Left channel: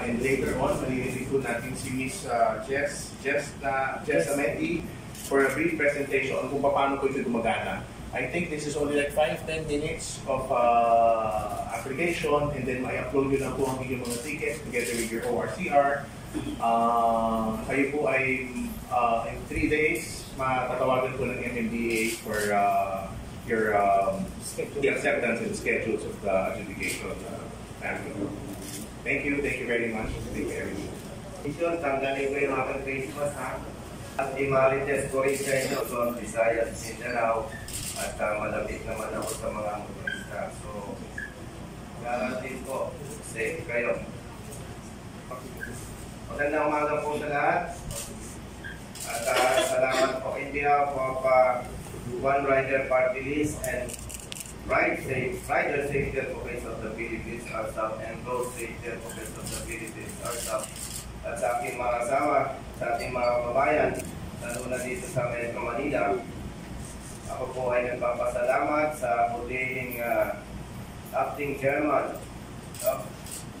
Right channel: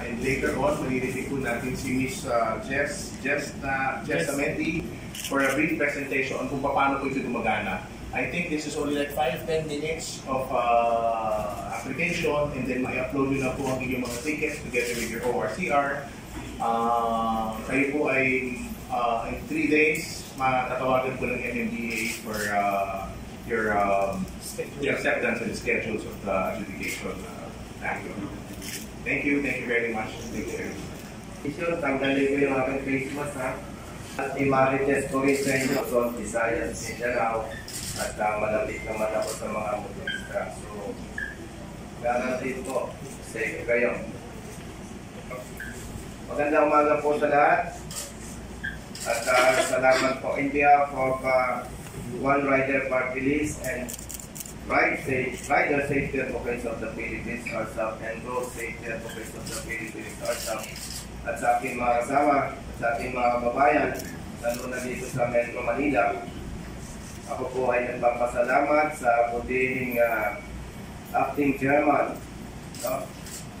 And later on, maririnig po natin si Miss Jess Amenti for a brief presentation on kung paano po ito gumagana. I think this is only like 5-10 minutes of application, and then may-upload nyo lang po ang inyong mga tickets together with your ORCR. Kayo po ay in 3 days matatawagan po ng MMDA for your acceptance and schedules of the adjudication. Thank you very much. Tanggalin ko yung aking Christmas, ha? At i-marites ko rin sa inyo, Luzon, Visayas, Mindanao, at malapit naman ako sa mga motorista. So, guarantee ko, safe kayo. Magandang umaga po sa lahat. At salamat po India for One Rider Party List and Rider Safety Advocates of the Philippines, RSAP, and Road Safety Advocates of the Philippines, RSAP. At sa aking mga kasama, sa ating mga kababayan, lalo na dito sa Metro Manila, ako po ay nagpapasalamat sa butihing acting chairman,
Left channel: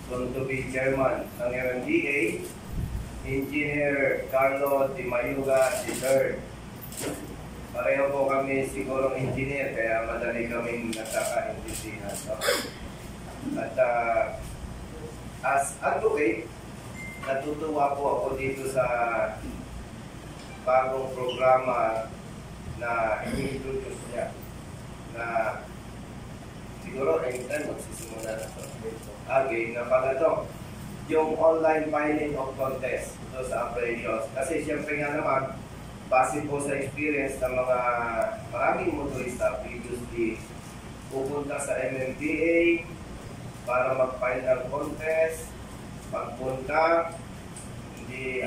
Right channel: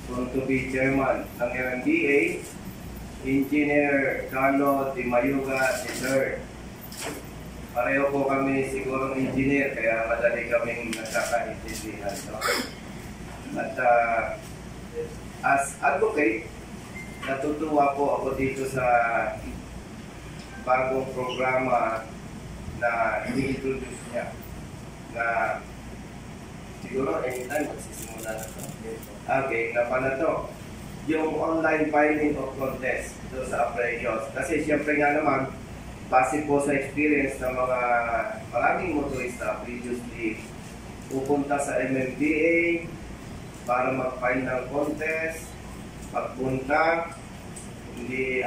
soon to be chairman ng MMDA, Engineer Carlo Di Mayuga III. Pareho po kami sigurong engineer, kaya madali kaming nagkakaintindihan. At as advocate, natutuwa po ako dito sa bagong programa na ini-introduce niya, na siguro anytime magsisimula na ito. Okay, na pala ito. Yung online filing of contest ito sa operations. Kasi siyempre nga naman, base po sa experience ng mga maraming motorista previously, pupunta sa MMDA para mag-file ng contest, magpunta, hindi